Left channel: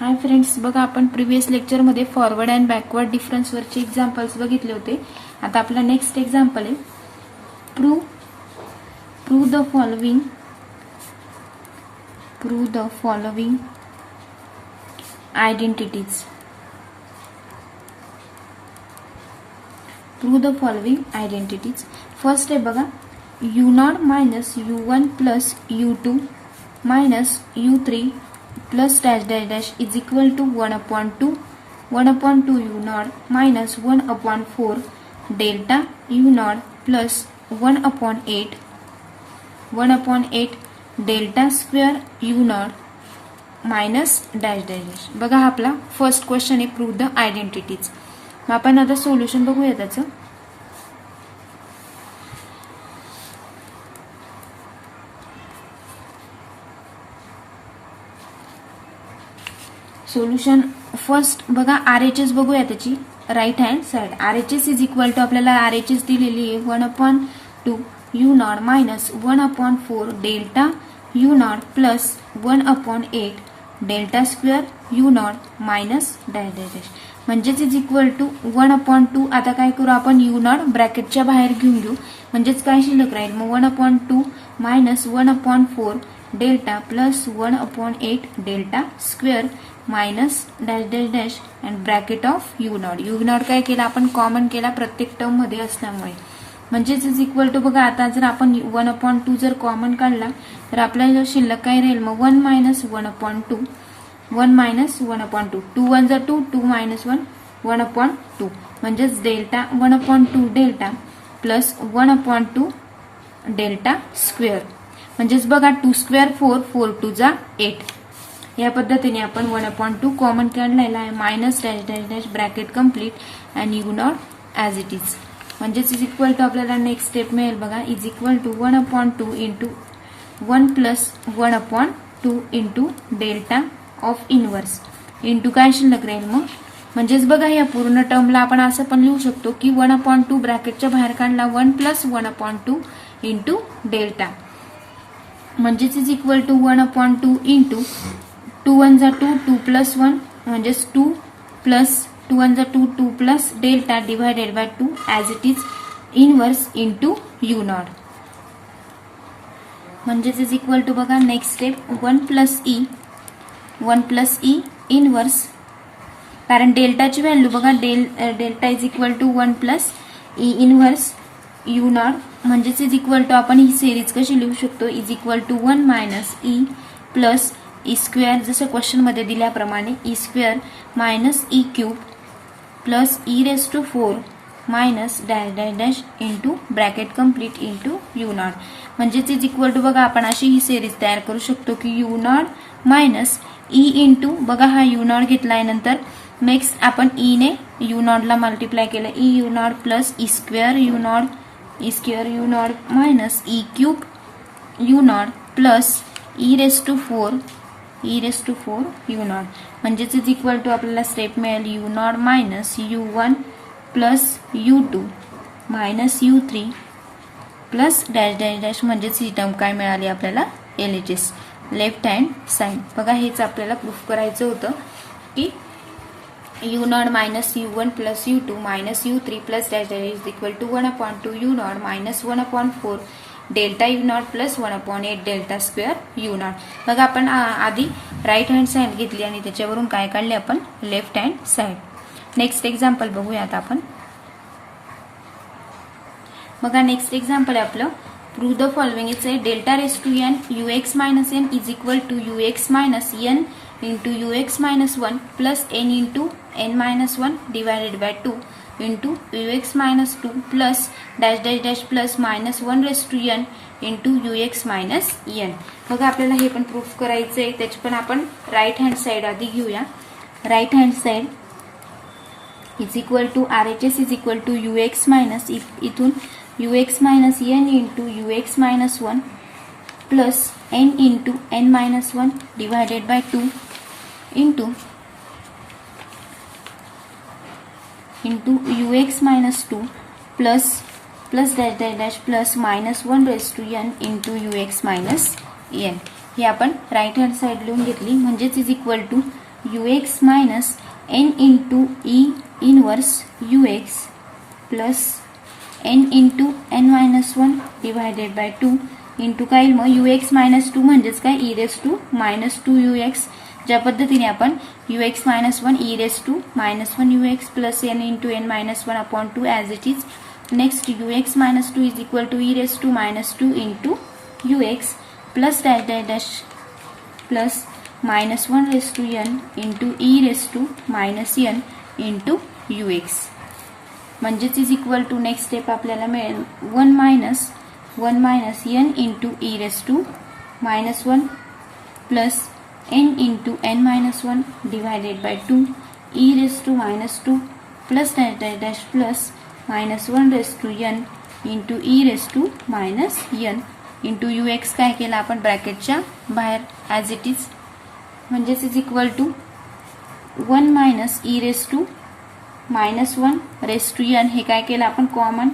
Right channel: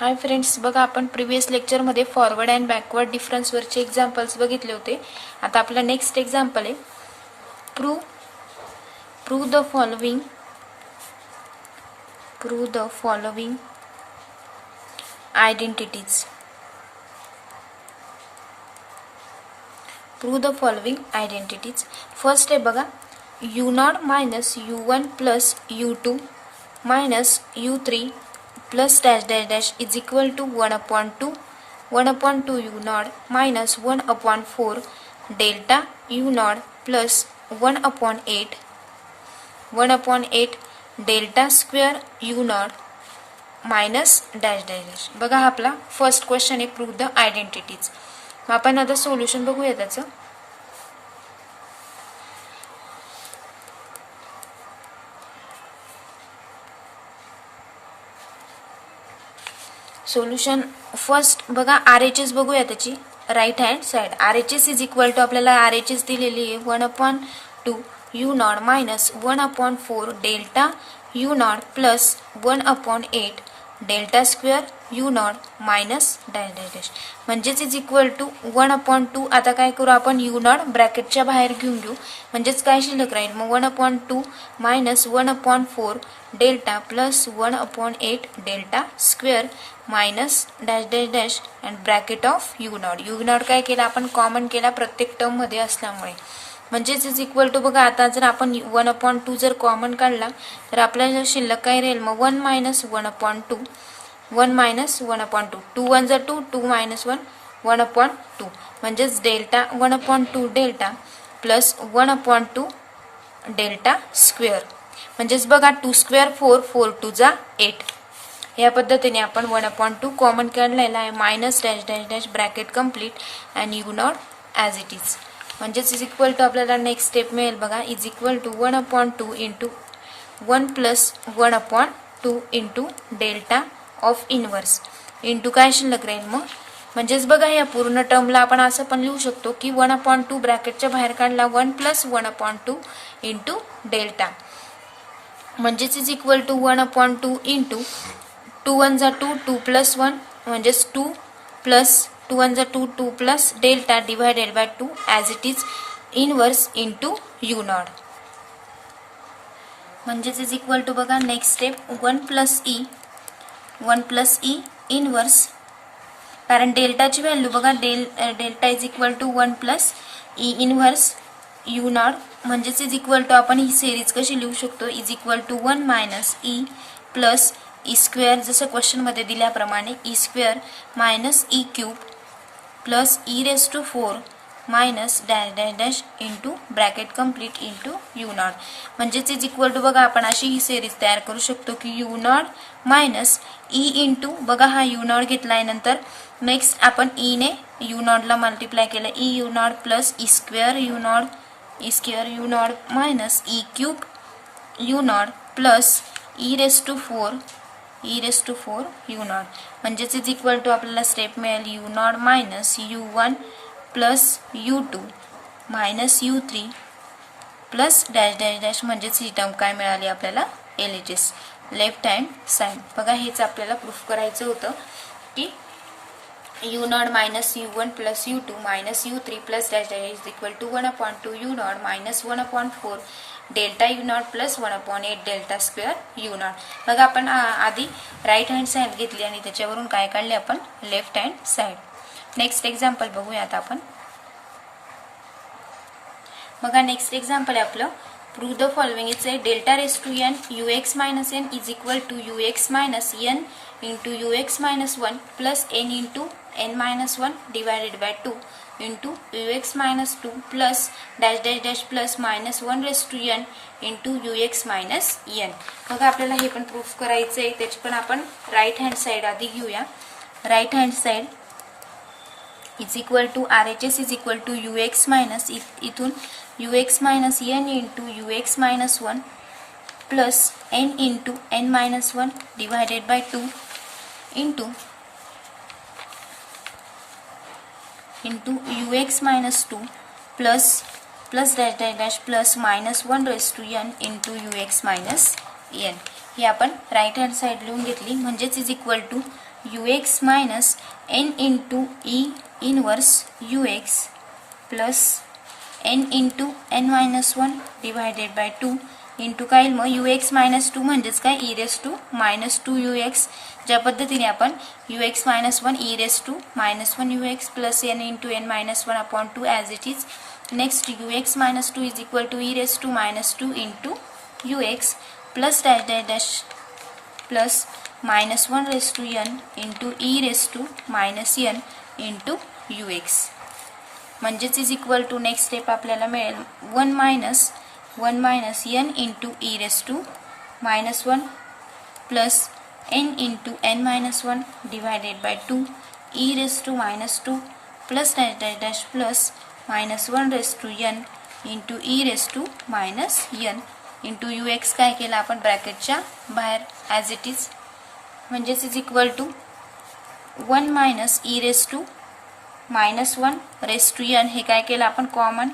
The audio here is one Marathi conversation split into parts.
हाय फ्रेंड्स, बघा आपण प्रिव्हियस लेक्चरमध्ये फॉरवर्ड अँड बॅकवर्ड डिफरन्सवरचे एक्झाम्पल्स बघितले होते. आता आपला नेक्स्ट एक्झाम्पल आहे prove the following identities. First आहे बघा, u0 minus u1 plus u2 minus u3 plus dash dash dash is equal to 1/2 u0 minus 1/4 delta u0 plus 1/8 delta square u0 minus dash dash dash. बघा हा आपला फर्स्ट क्वेश्चन आहे, प्रूव्ह द आयडेंटिटीज. मग आपण आता सोल्युशन बघूया त्याचं. सोल्युशन फर्स्ट बघा, RHS बघूया त्याची right hand side. RHS is equal to आपल्याला RHS दिलेली आहे 1/2 u0 minus 1/4 delta u0 plus 1/8 delta square u0 minus dash dash dash म्हणजेच इज इक्वल टू 1/2. आता काय करू आपण, u0 ब्रॅकेटच्या बाहेर घेऊन घेऊ म्हणजेच काय शिल्लक राहील. मग 1/2 minus 1/4 delta plus 1/8 delta square minus dash dash dash and bracket of u0 काय केला आपण, कॉमन केला प्रत्येक टर्म मध्ये असल्यामुळे. म्हणजेच इज इक्वल टू बघा, आता जर आपण 1/2 जर कॉमन काढला तर आपल्याला शिल्लक काय राहील. मग 1 मायनस 1/2 2 1 जा 2 2 मायनस 1 1/2 म्हणजेच delta 1/2 delta plus 1/2 delta square. म्हणजेच बघा 2 स्क्वेअर 4 4 2 जा 8. या पद्धतीने आपण 1/2 कॉमन काढलेला आहे minus dash dash dash bracket complete and u0 as it is. म्हणजेच इज इक्वल टू आपल्याला नेक्स्ट स्टेप मिळेल बघा, is equal to 1/2 into 1 plus 1/2 into delta of inverse into काय शिल्लक राहील. मग म्हणजेच बघा या पूर्ण टर्मला आपण असं पण लिहू शकतो की 1/2 ब्रॅकेटच्या बाहेर काढला 1 प्लस 1/2 इंटू डेल्टा. म्हणजेच इज इक्वल टू 1/2 इंटू 2 1 जा 2 2 प्लस 1 म्हणजेच 2 प्लस 2 1 जा 2 2 plus delta divided by 2 as it is inverse into u0. म्हणजेच इज इक्वल टू बघा next step 1 plus E inverse, कारण डेल्टाची व्हॅल्यू बघा delta is equal to 1 plus E inverse u0. म्हणजेच इज इक्वल टू आपण ही सिरीज कशी लिहू शकतो, is equal to 1 minus E plus E square जसं क्वेश्चन मध्ये दिल्याप्रमाणे E square minus E cube plus E raise to 4 minus dash dash dash into bracket complete into u0. म्हणजेच इज इक्वल टू बघा आपण अशी ही सिरीज तयार करू शकतो की u0 मायनस ई इंटू बघा हा u0 घेतलाय, नंतर नेक्स्ट आपण ई ने u0 ला मल्टिप्लाय केलं E u0 plus E square u0 minus E cube u0 plus E raise to 4 u0. म्हणजेच इज इक्वल टू आपल्याला स्टेप मिळेल u0 minus u1 plus u2 minus u3 plus dash dash dash. म्हणजेच ही टर्म काय मिळाली आपल्याला, एलिटिस लेफ्ट हँड साइड. बघा हेच आपल्याला प्रूफ करायचं होतं की u0 minus u1 plus u2 minus u3 plus dash dash is equal to 1/2 u0 minus 1/4 delta u0 plus 1/8 delta square u0. बघा आपण आधी राईट हँड साइड घेतली आणि त्याच्यावरून काय काढले आपण, left hand side. Next example बघूया आता आपण. बघा नेक्स्ट एक्झाम्पल आहे आपलं, prove the following. It's delta raise to n ux minus n is equal to ux minus n into ux minus 1 plus n into n minus 1 divided by 2 into ux minus 2 plus dash dash dash plus minus 1 raise to n into ux minus n. बघा आपल्याला हे पण प्रूफ करायचं आहे, त्याची पण आपण राईट हँड साइड आधी घेऊया. Right hand side is equal to RHS is equal to ux minus इथून ux minus n into ux minus 1 plus n into n minus 1 divided by 2 into ux minus 2 plus plus dash dash dash plus minus 1 raise to n into ux minus n. हे आपण राईट हँड साइड लिहून घेतली. म्हणजेच is equal to ux minus n into E inverse ux plus n into n minus 1 divided by 2 into काय येईल मग ux मायनस 2 म्हणजेच काय E raise to minus 2 ux. ज्या पद्धतीने आपण ux minus 1 E raise to minus 1 ux plus n into n minus 1 upon 2 as it is. Next ux minus 2 is equal to E raise to minus 2 into ux plus dash dash dash plus minus 1 raise to n into E raise to minus n into ux म्हणजेच is equal to next step आपल्याला मिळेल 1 minus n into E raise to minus 1 plus n into n minus 1 divided by 2 E raise to minus 2 plus dash dash dash plus minus 1 raise to n into E raise to minus n into ux काय केलं आपण ब्रॅकेटच्या बाहेर ॲज इट इज म्हणजेच is equal to 1 minus E raise to minus 1 raise to n हे काय केलं आपण कॉमन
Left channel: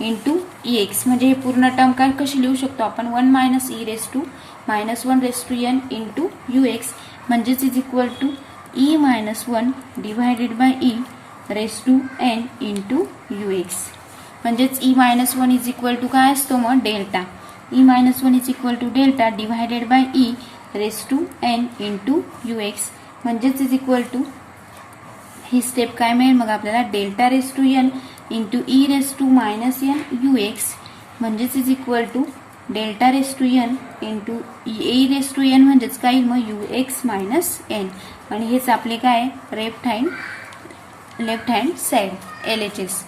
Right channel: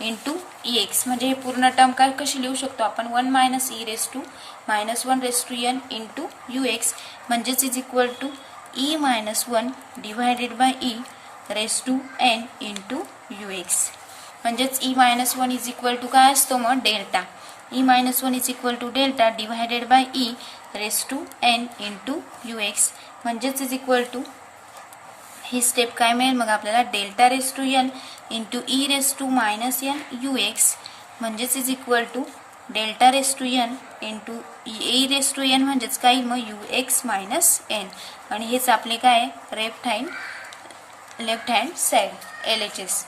इंटू एक्स म्हणजे हे पूर्ण टर्म काय कशी लिहू शकतो आपण 1 minus E raise to minus 1 raise to n into ux म्हणजेच is equal to E minus 1 divided by E raise to n into ux म्हणजेच E minus 1 is equal to काय असतो मग delta. E minus 1 is equal to delta divided by E raise to n into ux म्हणजेच इज इक्वल टू ही स्टेप काय मिळेल मग आपल्याला delta raise to n into E raise to minus n ux म्हणजेच is equal to delta raise to n into E raise to n म्हणजेच काय मग ux मायनस n आणि हेच आपले काय लेफ्ट हँड साईड LHS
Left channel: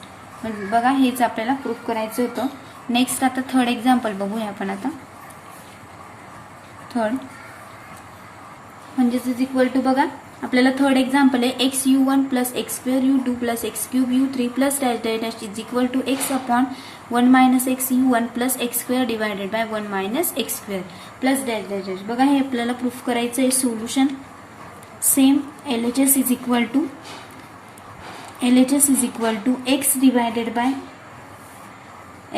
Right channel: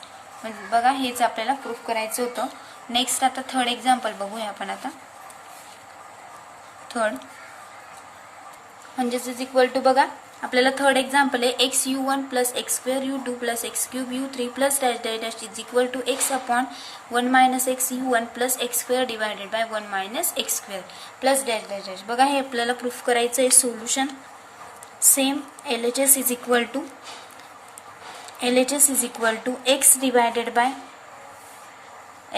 बघा हेच आपल्याला प्रूफ करायचं होतं. नेक्स्ट आता थर्ड एक्झाम्पल बघूया आपण आता. थर्ड म्हणजेच इज इक्वल टू बघा आपल्याला थर्ड एक्झाम्पल आहे x u1 plus x square u2 plus x cube u3 plus dash dash dash is equal to x upon 1 minus x u1 plus x square divided by 1 minus x square plus dash dash dash. बघा हे आपल्याला प्रूफ करायचं आहे. Solution same LHS is equal to x divided by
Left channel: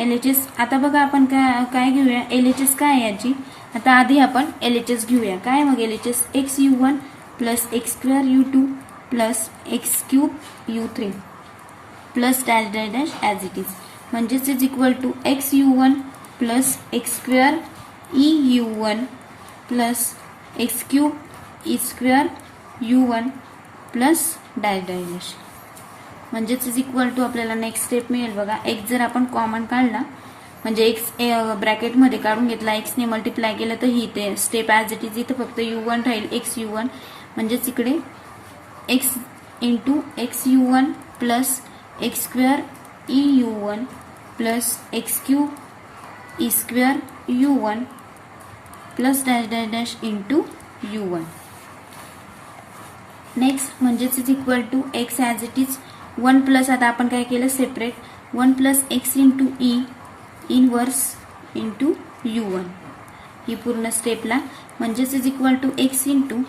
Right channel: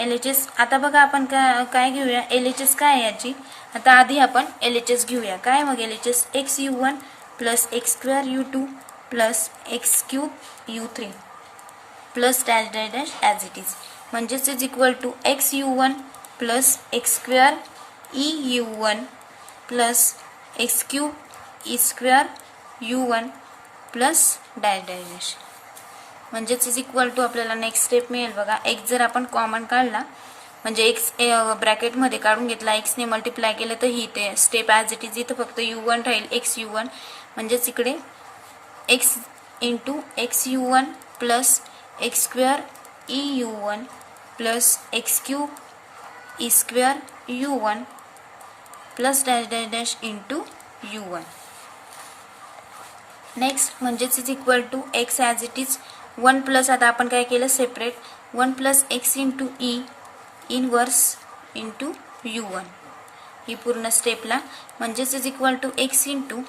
LHS. आता बघा आपण काय घेऊया LHS काय आहे याची. आता आधी आपण LHS घेऊया. काय मग LHS x u1 plus x square u2 plus x cube u3 plus dash dash dash as it is म्हणजेच is equal to x u1 plus x square e u1 plus x cube e square u1 plus dash dash dash म्हणजेच इज इक्वल टू आपल्याला नेक्स्ट स्टेप मिळेल. बघा एक्स जर आपण कॉमन काढला म्हणजे एक्स ब्रॅकेटमध्ये काढून घेतला एक्सने मल्टिप्लाय केलं तर ही ते स्टेप ॲज इट इज इथं फक्त u1 राहील एक्स u1 म्हणजेच इकडे x into x u1 plus x square e u1 plus x cube e square u1 plus dash dash dash into u1. Next म्हणजेच is equal to x as it is 1 plus आता आपण काय केलं separate 1 plus x into E inverse into u1 ही पूर्ण स्टेपला म्हणजेच is equal to x into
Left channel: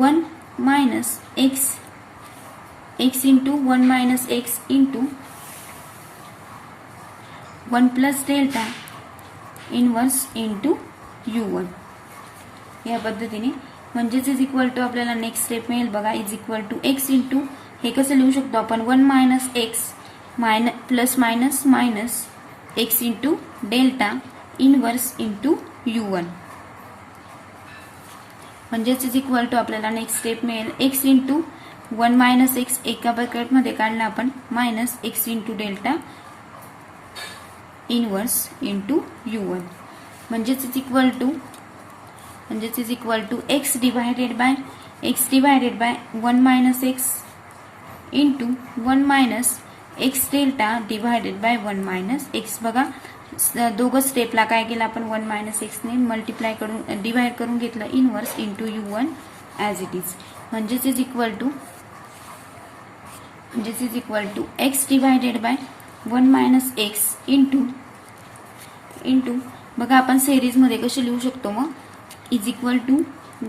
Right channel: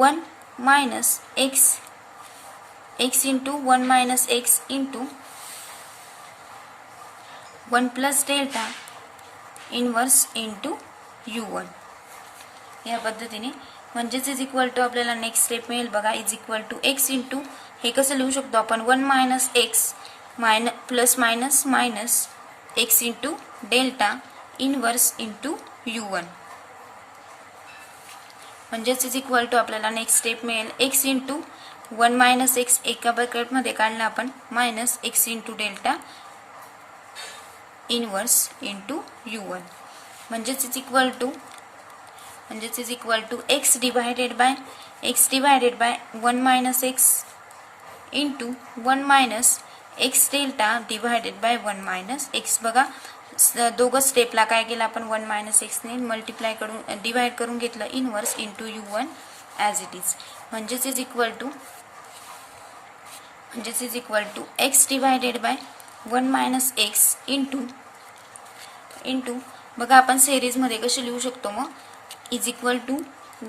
1 minus x into 1 minus x into 1 plus delta inverse into u1 या पद्धतीने म्हणजेच इज इक्वल टू आपल्याला नेक्स्ट स्टेप मिळेल. बघा is equal to x into हे कसं लिहू शकतो आपण 1 minus x plus minus minus x into delta inverse into u1 म्हणजेच इज इक्वल टू आपल्याला नेक्स्ट स्टेप मिळेल एक्स इंटू 1 मायनस एक्स एका ब्रॅकेटमध्ये काढला आपण minus x into delta inverse into u1 म्हणजेच is equal to x divided by 1 minus x into 1 minus x delta divided by 1 minus x. बघा दोघं स्टेपला काय केलं आपण 1 मायनस एक्सने मल्टिप्लाय करून डिवाइड करून घेतलं inverse into u1 as it is म्हणजेच is equal to x divided by 1 minus x into बघा आपण सिरीजमध्ये कसे लिहू शकतो मग is equal to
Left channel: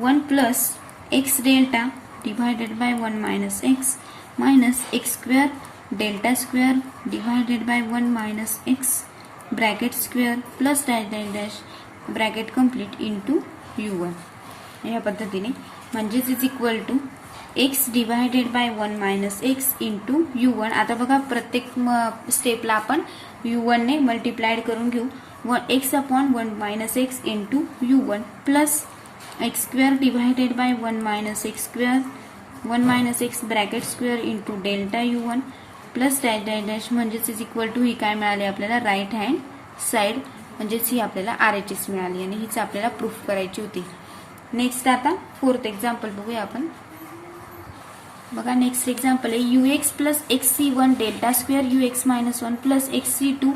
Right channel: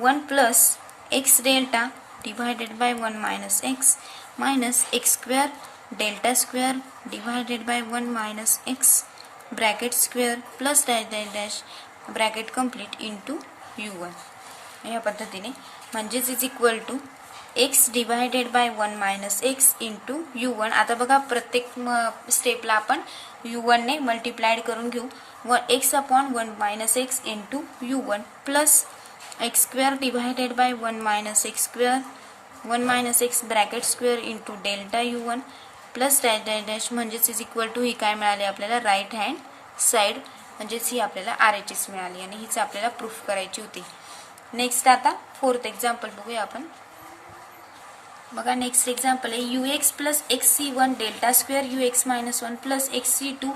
1 plus x delta divided by 1 minus x square delta square divided by 1 minus x bracket square plus dash dash dash bracket complete into u1 या पद्धतीने म्हणजेच is equal to x divided by 1 minus x into u1. आता बघा प्रत्येक स्टेपला आपण u1 ने मल्टिप्लाइड करून घेऊ. X upon 1 minus x into u1 plus x square divided by 1 minus x square 1 minus x bracket square into delta u1 plus dash dash dash म्हणजेच इज इक्वल टू ही काय मिळाली आपल्याला राईट हँड साईड म्हणजेच ही आपल्याला RHS मिळाली आणि हीच आपल्याला प्रूफ करायची होती. नेक्स्ट आता फोर्थ एक्झाम्पल बघूया आपण. बघा नेक्स्ट एक्झाम्पल आहे ux plus xc1 delta square ux minus 1 plus xc2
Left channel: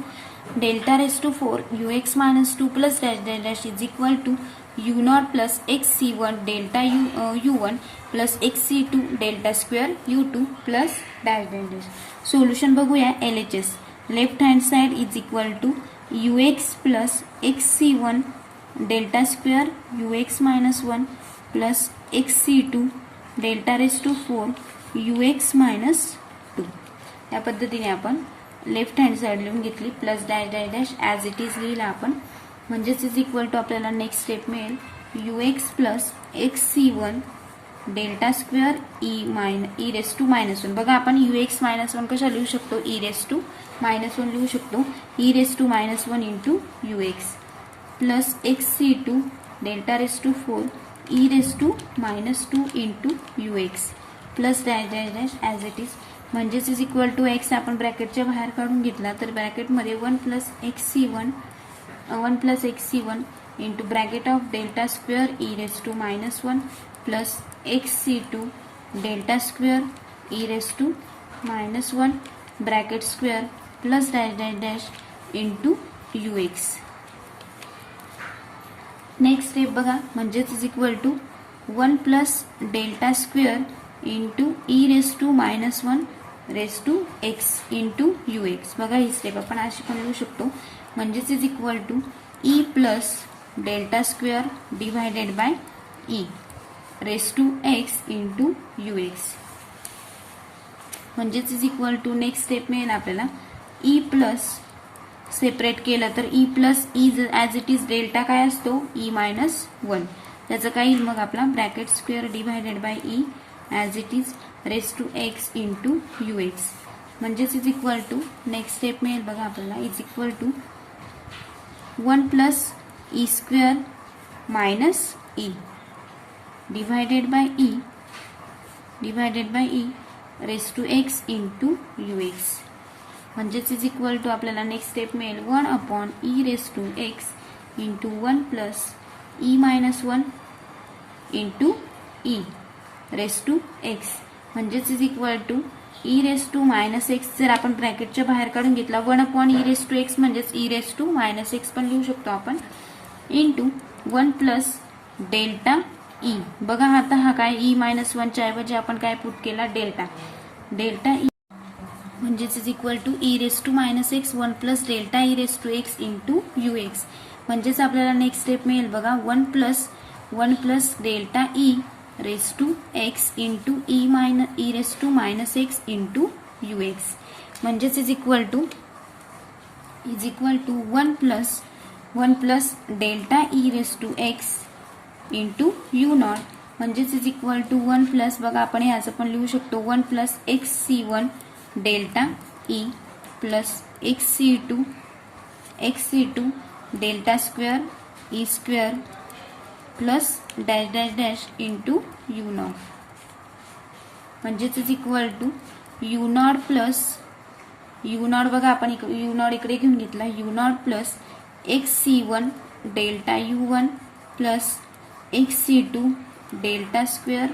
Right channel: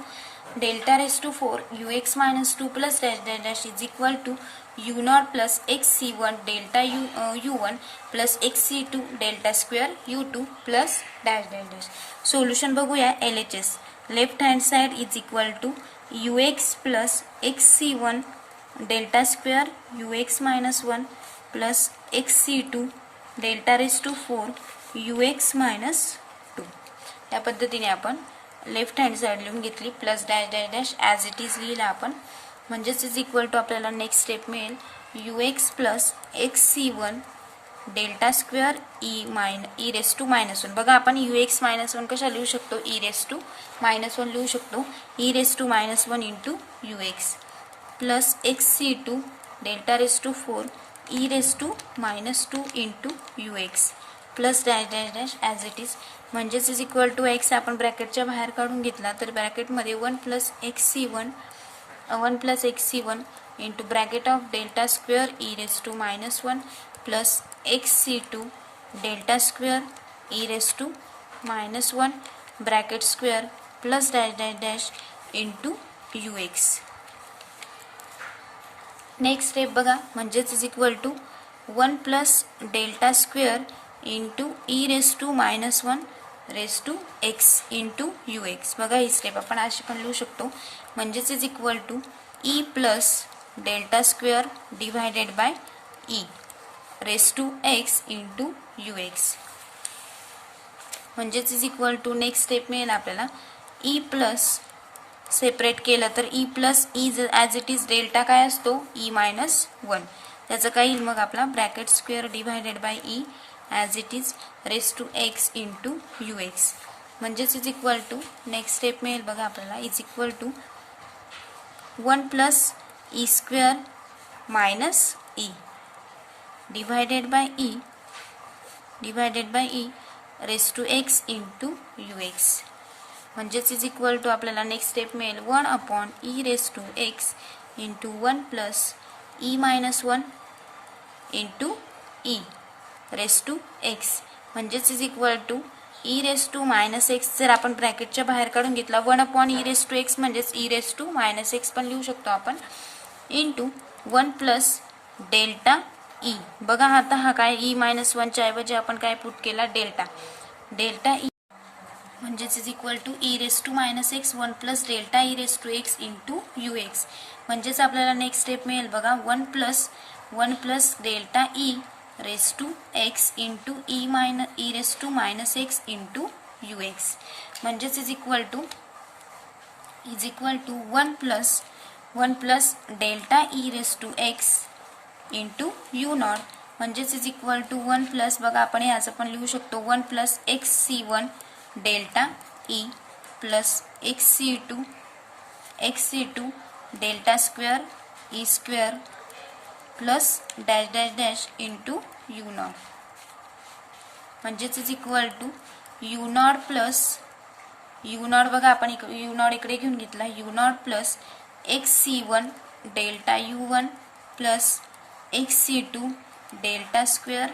delta raise to 4 ux minus 2 plus dash dash dash is equal to u0 plus xc1 delta u1 plus xc2 delta square u2 plus dash dash dash. Solution बघूया LHS. Left hand side is equal to ux plus xc1 delta square ux minus 1 plus xc2 delta raise to 4 ux minus 2. या पद्धतीने आपण लेफ्ट हँड साइड लिहून घेतली plus dash dash dash as it is लिहिला आपण म्हणजेच इज इक्वल टू आपल्याला नेक्स्ट स्टेप मिळेल ux plus xc1 delta square E raise to minus 1. बघा आपण ux मायनस 1 कशा लिहू शकतो ई रेस टू मायनस 1 लिहू शकतो E raise to minus 1 into ux plus xc2 delta raise to 4 E raise to minus 2 into ux plus dash dash dash as it is म्हणजेच इज इक्वल टू एक्स आपण ब्रॅकेटच्या बाहेर काढून घेतला तर ब्रॅकेटमध्ये 1 plus xc1 into bracket of delta square E raise to minus 1 plus xc2 delta square E raise to minus 1 bracket square plus dash dash dash into ux. Next step बघा म्हणजेच is equal to 1 plus delta square into E raise to minus 1 raise to x into ux. बघा ही स्टेप आपण अशी पण लिहू शकतो म्हणजेच is equal to E plus delta square divided by E raise to x into ux म्हणजेच is equal to next step मिळेल आपल्याला ई प्लस सेपरेट केलं तर E plus E as it is delta काय असतो ई मायनस 1 त्याचं काय येईल मग आपला bracket square divided by E as it is raise to x into ux म्हणजेच is equal to next step मिळेल बघा आपल्याला is equal to 1 plus E square minus E divided by E raise to x into ux म्हणजेच इज इक्वल टू आपल्याला नेक्स्ट स्टेप मिळेल 1 upon E raise to x into 1 plus E minus 1 into E raise to x म्हणजेच is equal to E raise to minus x जर आपण ब्रॅकेटच्या बाहेर काढून घेतला 1 upon E raise to x म्हणजेच e raise to minus x पण लिहू शकतो आपण इंटू 1 प्लस डेल्टा ई. बघा आता हा काय ई मायनस 1 च्या ऐवजी आपण काय पुट केला डेल्टा ई म्हणजेच is equal to E raise to minus x 1 plus delta E raise to x into ux म्हणजेच आपल्याला नेक्स्ट स्टेप मिळेल बघा 1 plus delta E raise to x into E raise to minus x into ux म्हणजेच is equal to 1 plus delta E raise to x into u0 म्हणजेच इज इक्वल टू 1 प्लस बघा आपण ह्याचं पण लिहू शकतो 1 plus xc1 delta E plus xc2 delta square E square plus dash dash dash into u0 म्हणजेच is equal to u0 plus u0 बघा आपण u0 इकडे घेऊन घेतला u0 plus xc1 delta u1 plus xc2 delta square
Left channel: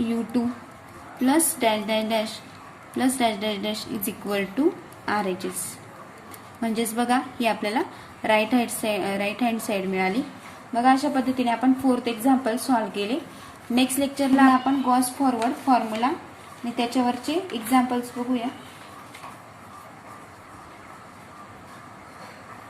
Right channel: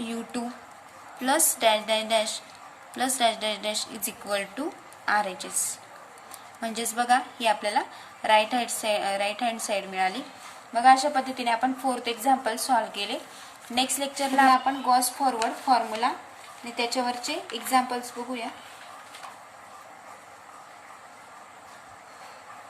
u2 plus dash dash dash is equal to RHS म्हणजेच बघा ही आपल्याला राईट हँड साइड मिळाली. बघा अशा पद्धतीने आपण फोर्थ एक्झाम्पल सॉल्व्ह केले. नेक्स्ट लेक्चरला आपण गॉस फॉरवर्ड फॉर्म्युला आणि त्याच्यावरचे एक्झाम्पल्स बघूया.